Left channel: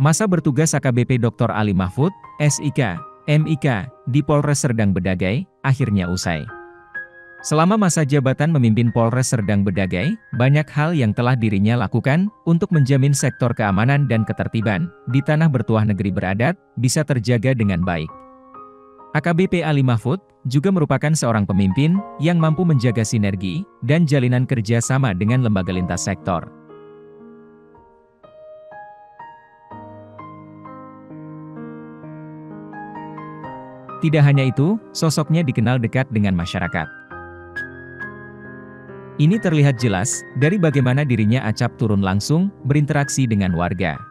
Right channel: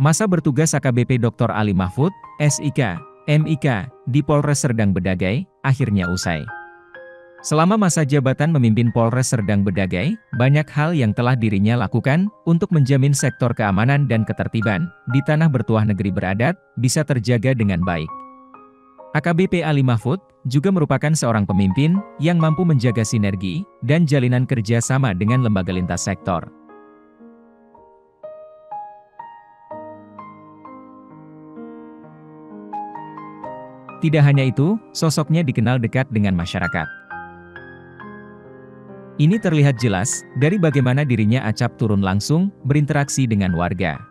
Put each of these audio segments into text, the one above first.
Masa bertugas AKBP Dr. Ali Mahfud, SIK, MIK, di Polres Serdang Bedagai, akhirnya usai. Selama masa jabatan memimpin Polres Serdang Bedagai, banyak hal yang telah dirinya lakukan untuk menjamin sektor keamanan dan ketertiban di tanah bertuah negeri beradat bisa terjaga dengan baik. AKBP Ali Mahfud juga merupakan seorang pemimpin yang mampu menjaga sinergi dan jalinan kerja sama dengan lembaga lintas sektor. Tidak hanya itu, sosoknya dikenal dekat dengan masyarakat. Ini terlihat jelas dari bagaimana dirinya acap turun langsung berinteraksi dengan warga.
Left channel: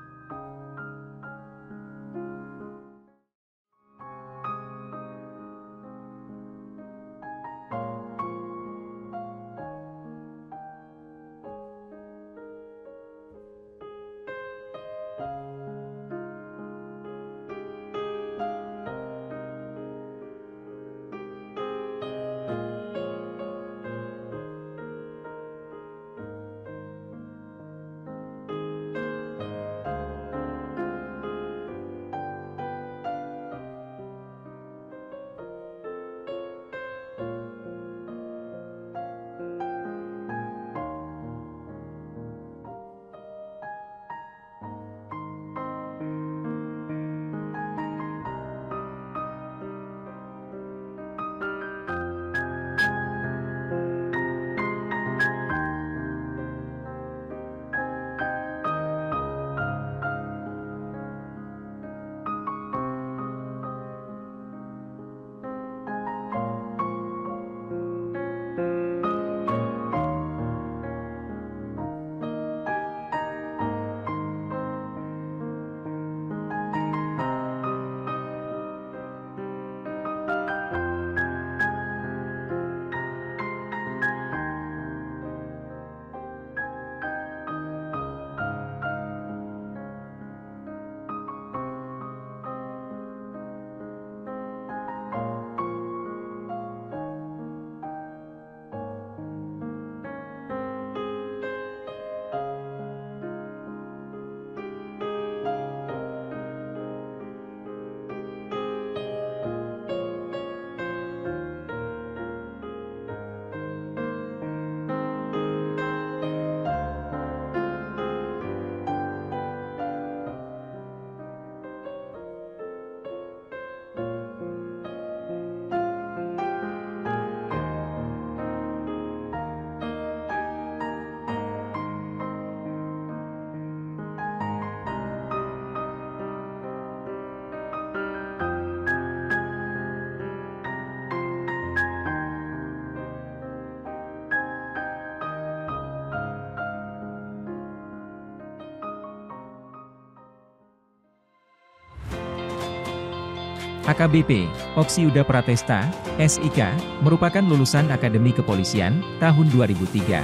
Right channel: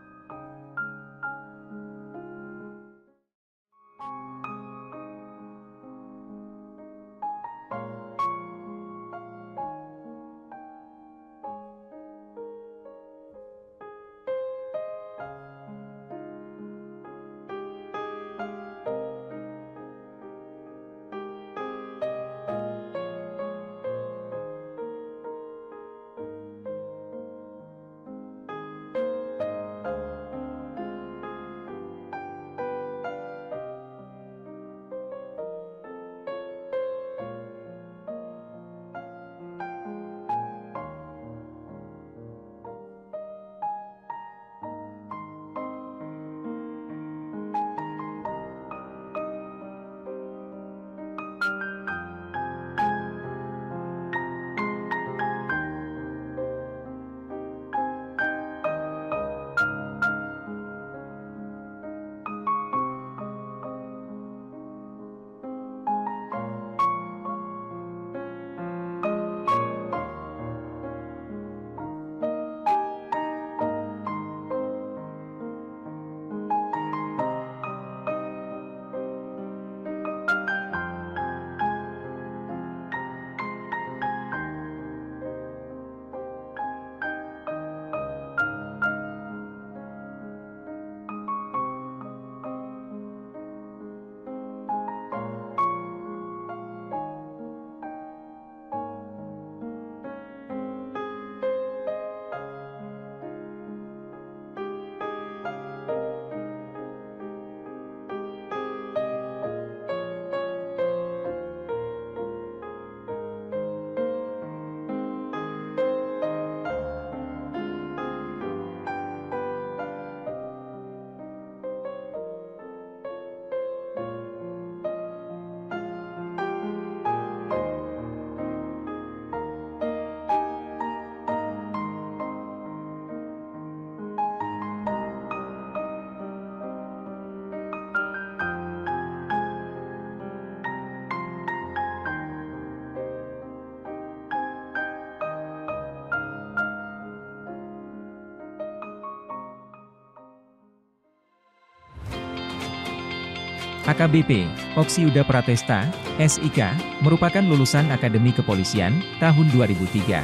AKBP, Oksiuda Pratesta, SIK, merupakan lulusan Akademi Kepolisian, tahun 2003.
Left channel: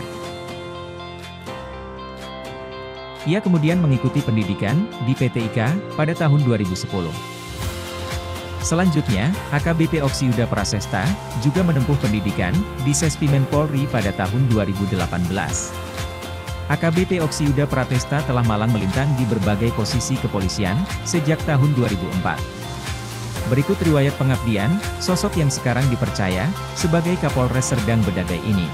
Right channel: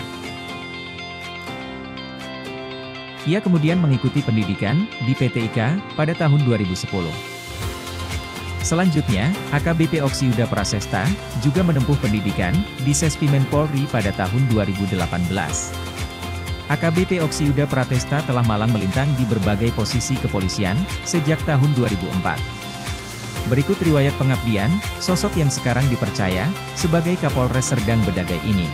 Ia kemudian mengikuti pendidikan di PT IKA pada tahun 2010. Selanjutnya, AKBP Oksiuda Prasesta juga menempuh pendidikan di Sespimen Polri pada tahun 2018. AKBP Oksiuda Pratesta telah malang melintang di berbagai posisi kepolisian sejak tahun 2004. Berikut riwayat pengabdian, sosok yang sekarang dipercaya sebagai Kapolres Serdang Bedagai ini.